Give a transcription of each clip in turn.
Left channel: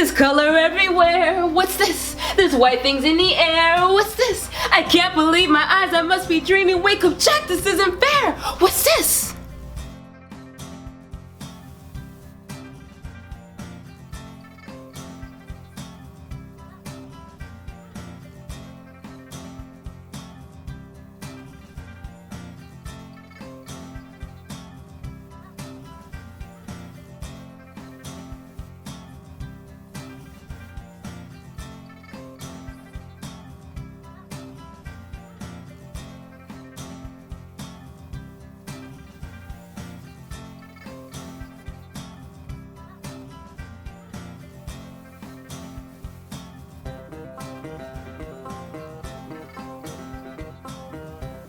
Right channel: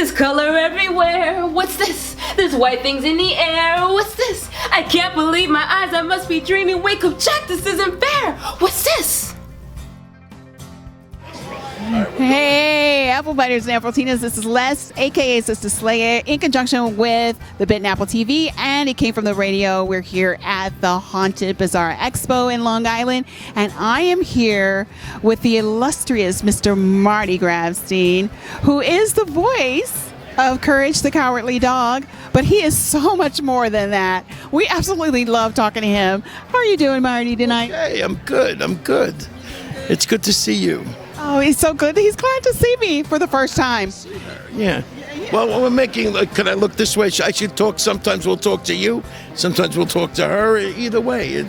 There's color everywhere. What's this? There's white things in the air. What's this? I can't believe my eyes. I must be dreaming. Wake up, Jack. This isn't fair. What's this? Hey, Apple Biters and Appletinas, this is Les, aka SistaSlaya, in conjunction with the Bit and Apple TV, and it came from the radio. We're here at the Haunted Bazaar Expo in Long Island, and I am here with the illustrious Mr. Marty Grabstein, who is the voice of Courage the Cowardly Dog, but he is so much more than that. We absolutely love talking to him. How are you doing, Marty, tonight? Hey, I'm good. It's good to see you. Oh, he's so good. He's glad to see me for the first time. Yeah. Well, we're making, can I look this way? I should talk. Sometimes we'll talk to you. Sometimes we'll talk to her. Either way.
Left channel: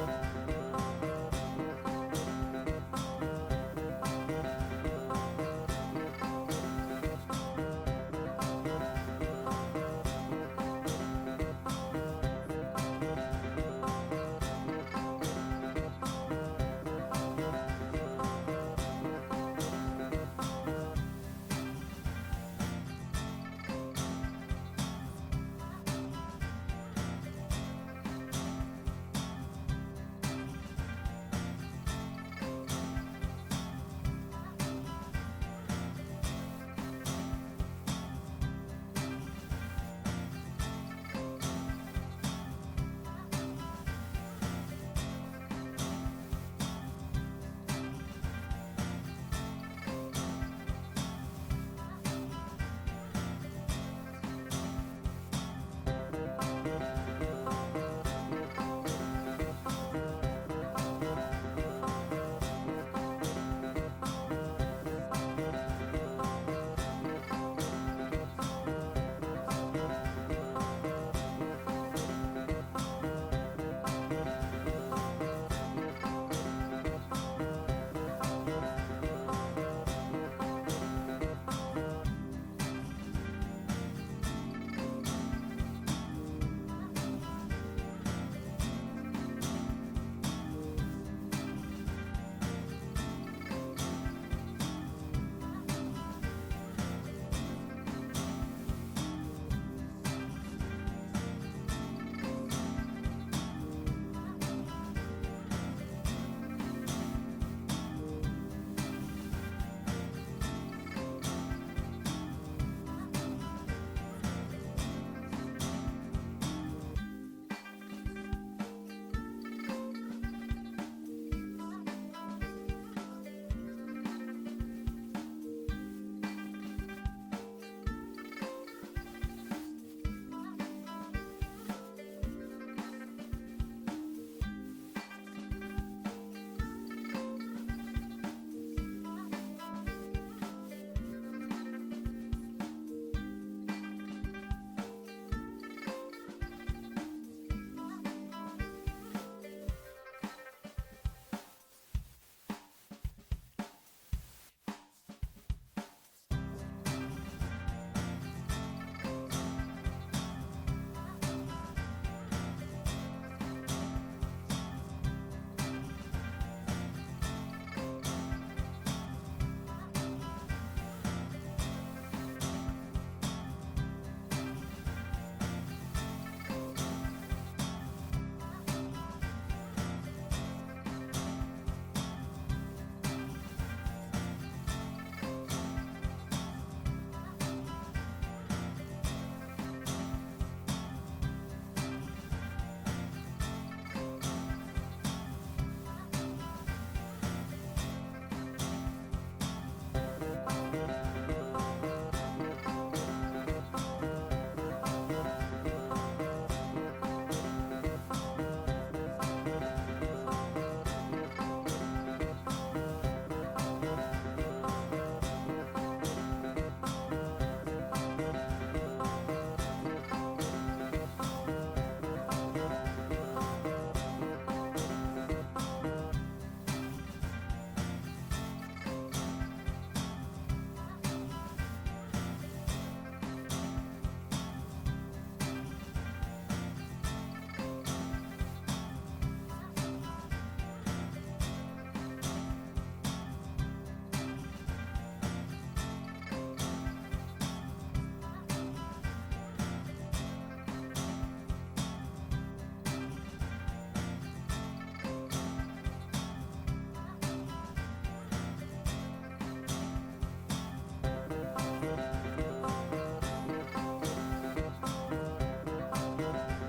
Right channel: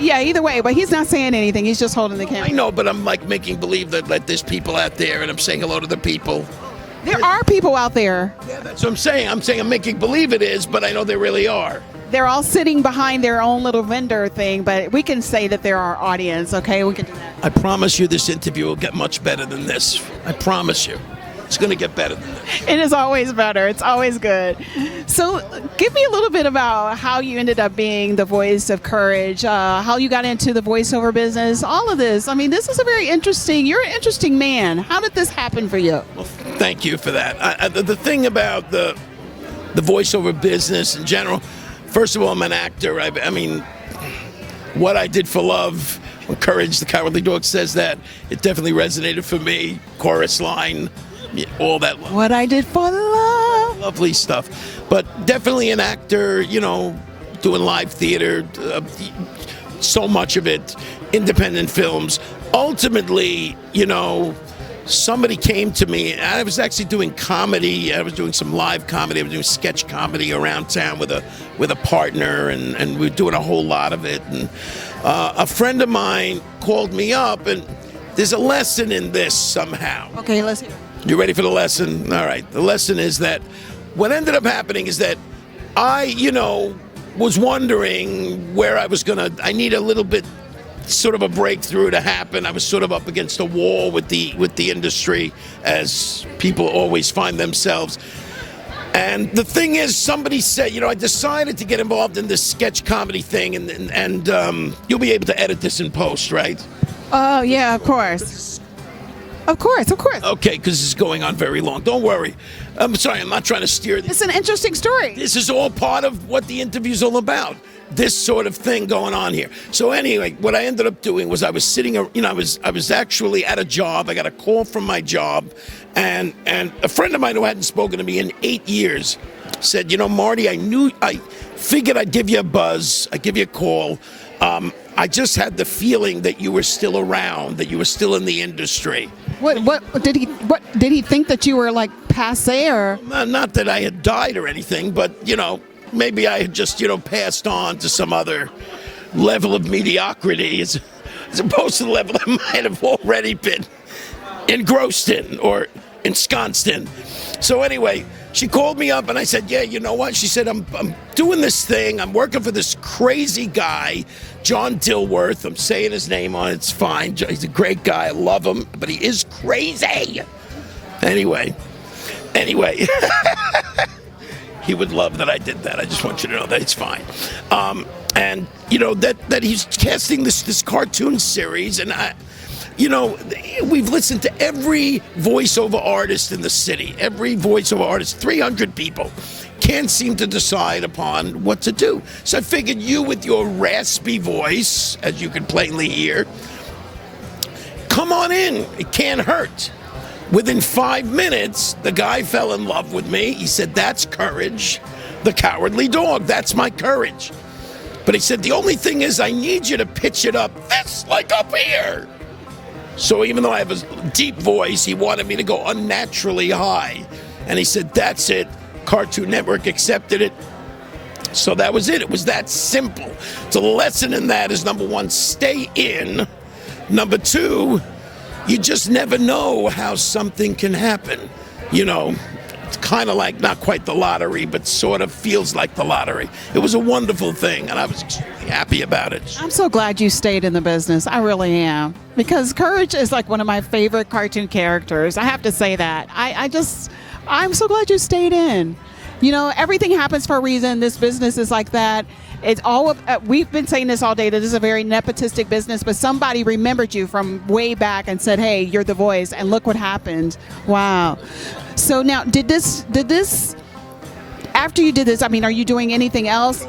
Yeah, either way. But he's not saying anything. He's just holding the camera. I know, but I'm like making believe that there's people out there and I'm saying hello to the people. There are people out there. Yeah, that's what I'm saying. I'm making believe it is, but I know there really are. They're all sitting behind their own little vendor thing, but we can say that they're our audience, okay? We can do that. I promise you this interview will get much better than this. I promise you. It's going to get better than this. It is always better. It's always good. So give me a little bit about how you ended up being the voice of Courage, how you got into the voiceover business, all of this. I mean, this is you're an interesting man. How did this happen for you? Well, thank you for that. The thing about the voiceover business in general, first of all, I'm an actor. I mean, what I did for love, when Courage the Cowardly Dog says that, it definitely resonated for me. Chorus line, all that. What I did for love. Lovely stuff. But definitely an actor, doing live theater, so much of it, independent films. Ultimately, somebody came to me, and I was actually doing comedy. I was doing some live comedy. I was doing sketch comedy around town with a partner, and we were doing a whole lot of it. And a friend of mine called me up, and there's a lesson in this somehow. Okay, let's hear it. You ready for the lesson? All right. The lesson is that what ended up happening is that I, was wondering where I need a little bit sort of a breakthrough to happen. I was sort of up against a wall with the industry, as people always find themselves. And the thing is, somebody said, I decided to get involved in this sketch comedy thing, and you'll be able to edit this in post, right? Oh, yeah, of course. Of course. Okay, because this is going on very long. Don't worry. I'm sorry, I'm not trying to steer this. It's an interesting story. This is all part of what the interview's all about. This sort of thing going on here. So anyway, what I ended up doing was I was sitting, I was actually at a job. I got a call from my job, and a friend of mine who hadn't spoken to me in 8 years said, Marty, I figured I'd give you a buzz. I'd give you a call. I just had the feeling that you were still around, that you were still in the industry. What did he think that you were like passé or? Not that I had died or anything, but maybe I had just passed on to some other level of mediocrity as opposed to the level I might have already been engrossed in or ensconced in. So anyway, she called me up and I said, yeah, you know what? She said, I'm doing this thing. I'm working for this crazy guy, John Dilworth. I'm saying his name on it. It's fine. He's a great guy. I love him, but he is crazy. Anyway. He would love that I did that. I just want you to know that it's fine. And, that he's casting this cartoon series. And, we've listened to every voiceover artist in the city. Every voiceover artist, 300 people. Can't seem to decide upon what to do. So I figured you, with your raspy voice, as you can plainly hear, come on in. It can't hurt. Within 5 minutes, the guy fell in love with me. He said, that's Courage, the Cowardly Dog. That's my Courage. But he said, the only thing is I need you to pitch it up this, like up here. So even though I have a deep voice, he wanted me to go unnaturally high. And he said, that's it. Cartoon Network accepted it. So that was it. It was that simple. So the lesson in that is, number one, stay in. Number two, you just never know how something can happen. It's kind of like not quite the lottery, but sort of feels like the lottery. It was a wonderful thing, and I was extremely happy about it. I'm so glad you stayed in the business. I really am. Because Courage is like one of my favorite cartoon characters. I have to say that. I'm so glad you stayed in. You know, everything happens for a reason. This business is like that. It's all. We've been saying this all day, that this is a very nepotistic business, but somebody remembered you from way back and said, hey, you're the voice, and look what happened. Wow. So now, did this, after you did this, I mean, are you doing anything else?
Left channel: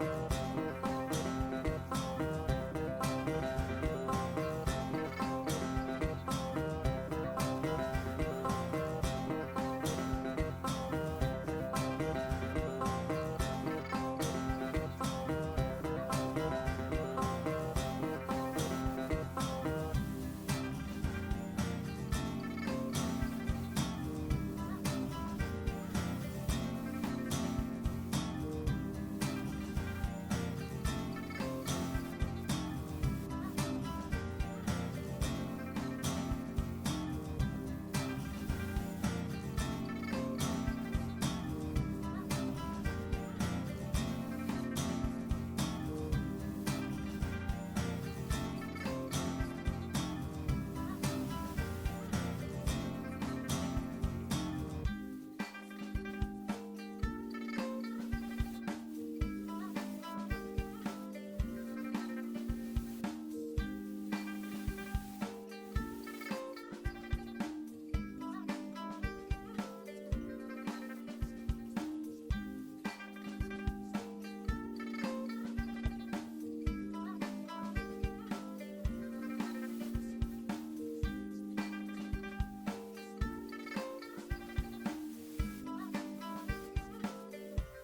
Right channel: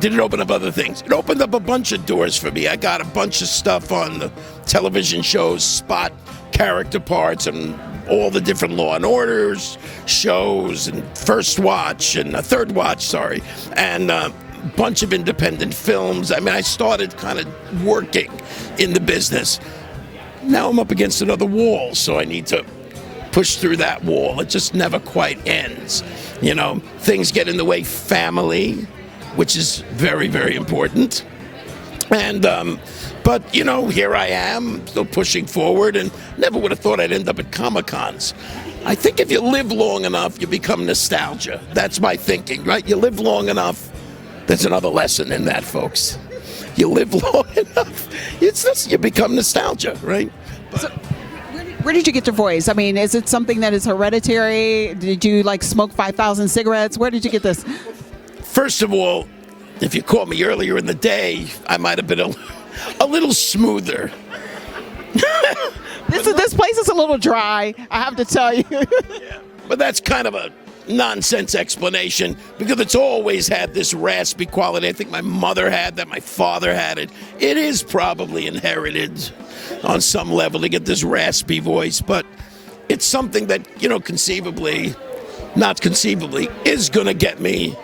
Did it open up other things? It opened up a bunch of doors for me. I got a bunch of stuff on the television shows, spot character parts, and all the different Law and Orders shows, and First Watch, and Third Watch, sorry, and bunch of independent films. I mean, I started kind of working in the business. Now I'm up against another wall, so I need to push through that wall. It just never quite ends. You know, things get in the way, family, which is very, very important. And, but, you know, here I am, still pushing forward, and never would have thought I'd end up at Comic-Cons. I think if you live long enough, you become nostalgia. That's my thinking, right? You live long enough. There's another lesson in that, folks. You live long enough, you become nostalgia, right? So, where did you get your voice? I mean, is it something that is hereditary? Did you like smoke 5,000 cigarettes? Where did you get this? First of all, if you caught me earlier in the day, I might have been a little smoother. This place is a little dry, I have to tell you. Yeah, but that's kind of a nonsense explanation, because it's always had this raspy quality. I think my mother had that, my father had it. It is probably inherited on some level to get this raspy voice, but it's something that, you know, not conceivably, is going to get me.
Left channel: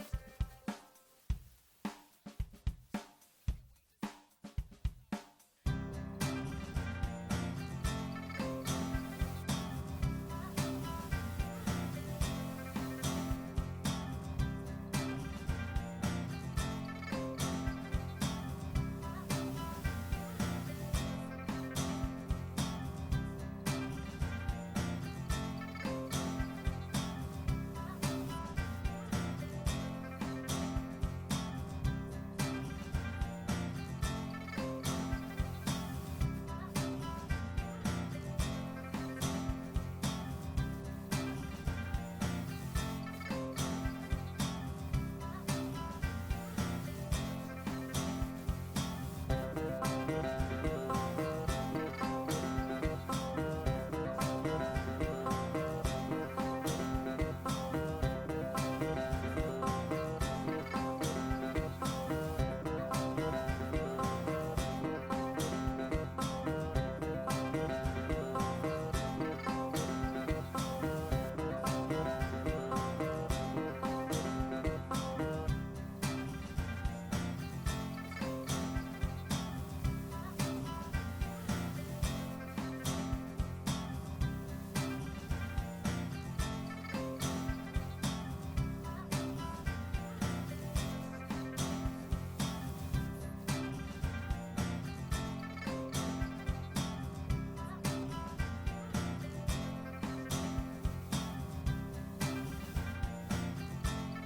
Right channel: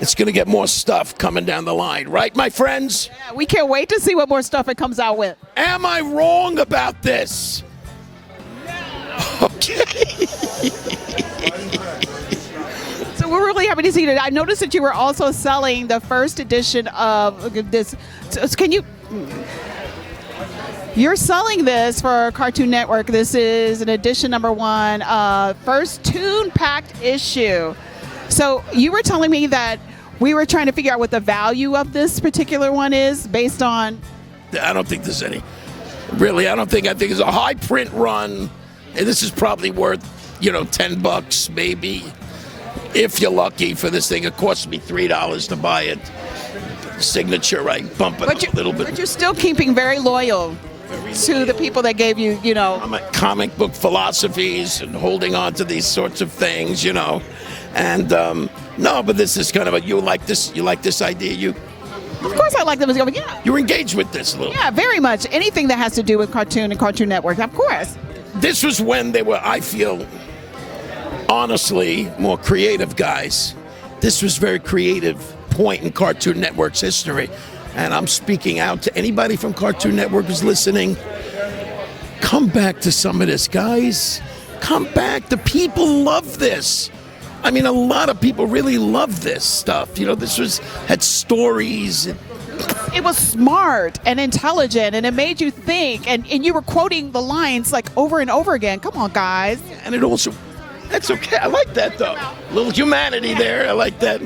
It's going to get more stuff coming down the line, right, my friends? Yeah, we can't wait to see what more stuff it comes out with. Am I wrong about this? Okay. So we're really happy to see it. I noticed that you were also selling the first edition of this. So you're selling this for Cartoon Network. This is an edition number 1, first tune-packed issue. So you were telling me that we were trying to figure out what the value of this particular one is based on. I don't think there's any. Really, I think it's a high print run, and this is probably worth, you know, $10 maybe, if you're lucky for this thing. It cost me $3 to buy it. Signature, right? Bump it up a little bit. But you're still keeping very loyal to the people that gave you, you know. I'm at comic book philosophies and holding on to these sorts of things, you know. And no, but this is kind of you like this idea? Of course I like them. Yeah. You're engaged with this a little. Yeah, very much. Anything that has to do with cartoon and Cartoon Network, of course. This was when they were, I feel, honestly, more creative guys. This was a very creative point in Cartoon Network's history. And I'm speaking out to anybody from Cartoon Network who's listening. Come back to some of this, guys. Come back. The people love this. I mean, a lot of people really love this stuff. You know, had stories. It was smart and intelligent, and it made you think, and you were quoting the lines like over and over again. Come on, guys. And it also, that's okay. I like that, though. A little humanity there. I like that.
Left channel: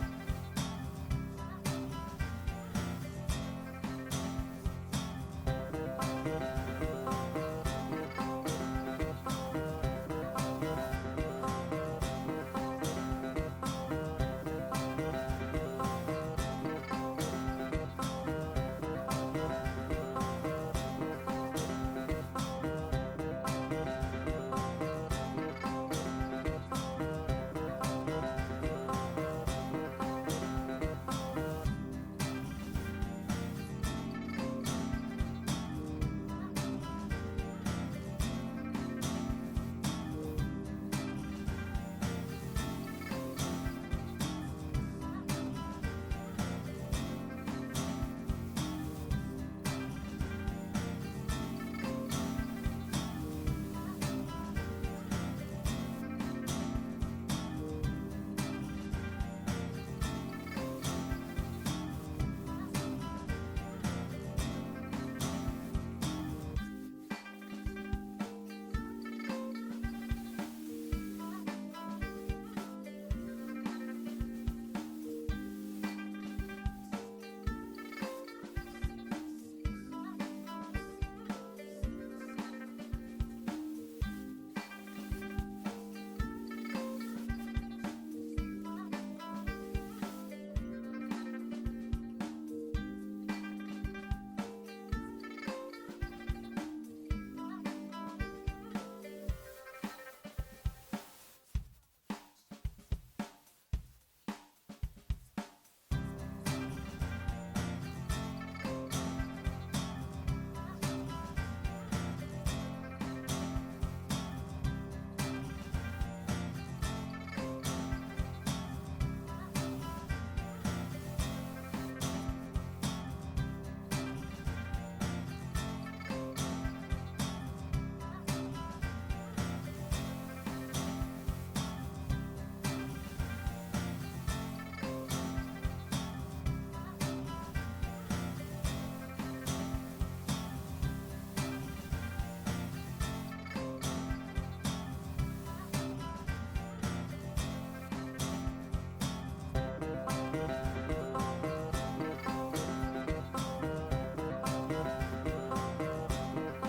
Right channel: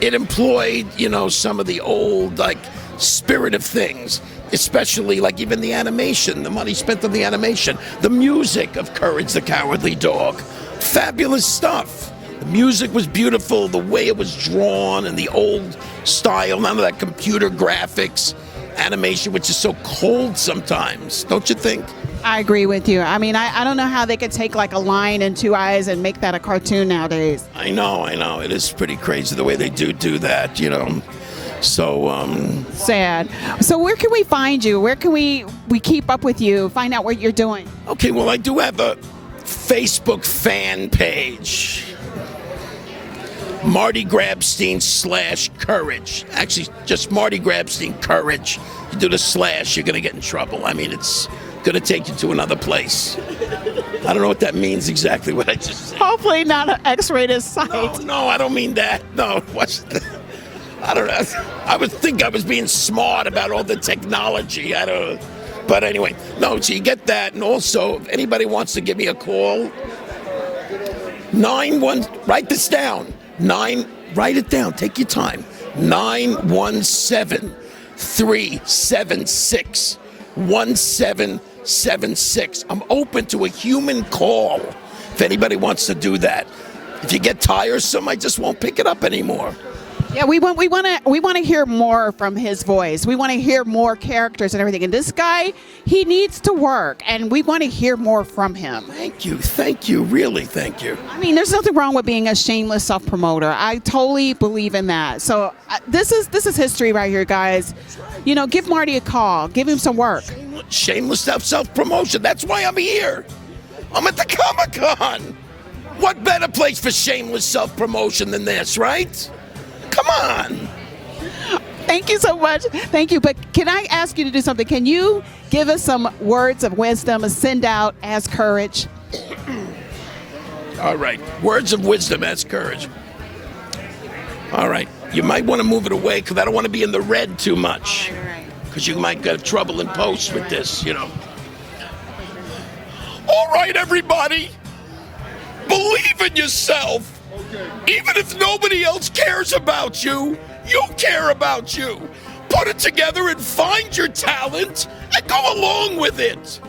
It employed, you know, some of the old, like, spirit of things, especially, like, even the animation, the money spent on the animation, the music of Courage the Cowardly Dog. Fabulous stuff. The music was beautiful, the way it was drawn, and the old style, none of that computer graphics, animation, which is so cold sometimes, don't you think? I agree with you. I mean, I don't know how they could take like a lion and 2 eyes and make that a cartoon nowadays. I know. It is pretty crazy the way they do that, you know. So, sad. So where can we find you? Where can we keep up with you, find out what you're doing? Okay, well, I do have a Facebook fan page. Marty Grabstein /Courage. Actually, just Marty Grabstein Courage. You do the slash, you're going to get in trouble. I mean, it's going to take you to another place. I don't know what that means exactly, what I just said. Hopefully not an X-rated site. No, I don't mean that. No, I don't know. I would think I was being smart about all the technology. I don't know. But anyway, no, so you get that. And also, if anybody wants to give me a call, write this down. Write it down. Take your time. 917-376-1776. I'm open to a human call if anybody wants to do that. If you get tiresome, I just won't pick it up anymore. Yeah, we want to hear more from his voice. We want to hear more characters and everything. And this guy, he needs to work, and we want to hear more from him. Thank you, really, thank you. I mean, there's nothing wrong with being a shameless self-promoter. I totally believe in that. So this is history right here, guys. You know, give Marty a call. Give him some work. Shameless self-promotion. That's why I'm here. I'm at the Comic-Con. What better place for shameless self-promotion than this, right? Come on. Thank you so much. Thank you. But can I ask you to do something? Can you give us some words of wisdom and send out as courage? All right. Words of wisdom as courage. All right. You might want to move it away because I don't want to be in the red too much. Because you might get trouble in post with this, you know. All right, everybody. Believe in yourself. Even if nobody else cares about you, you care about you. Put it together and find your talent and go along with it.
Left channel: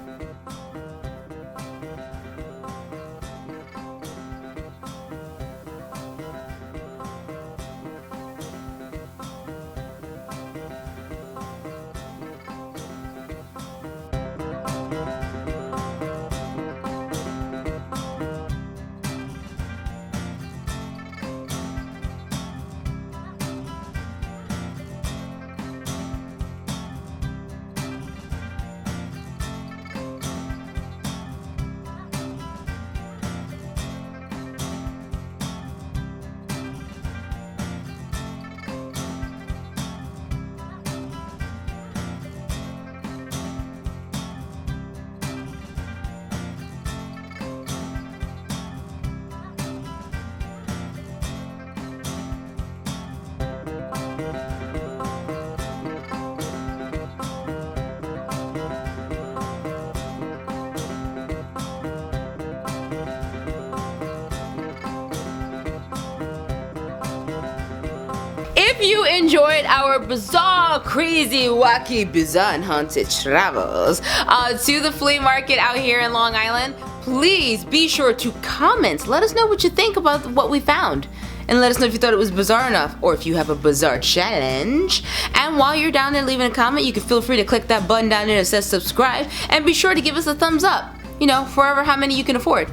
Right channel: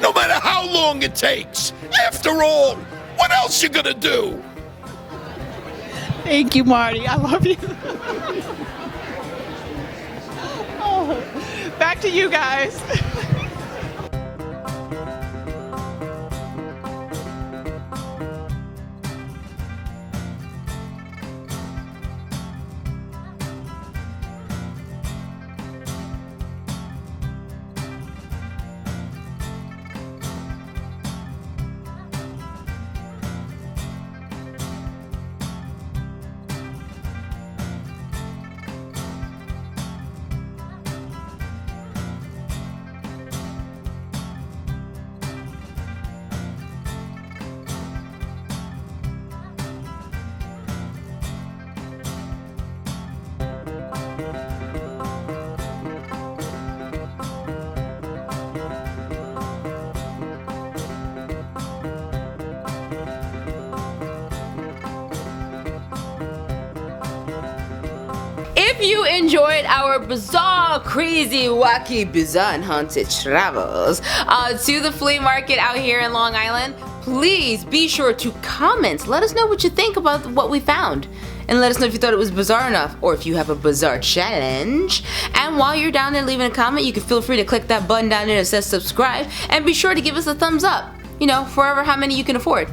No matter how long it takes. After all, what else you gonna do? Thank you, Marty. I love you. Oh, back to you guys. If you enjoyed our bizarre, crazy, wacky, bizarre, and haunted travels to the flea market out here in Long Island, please be sure to comment. Let us know what you think about what we found. And let us know if you thought it was bizarre enough or if you have a bizarre challenge. And while you're down there leaving a comment, you can feel free to click that button down there that says subscribe. And be sure to give us a thumbs up. You know, forever how many you can afford.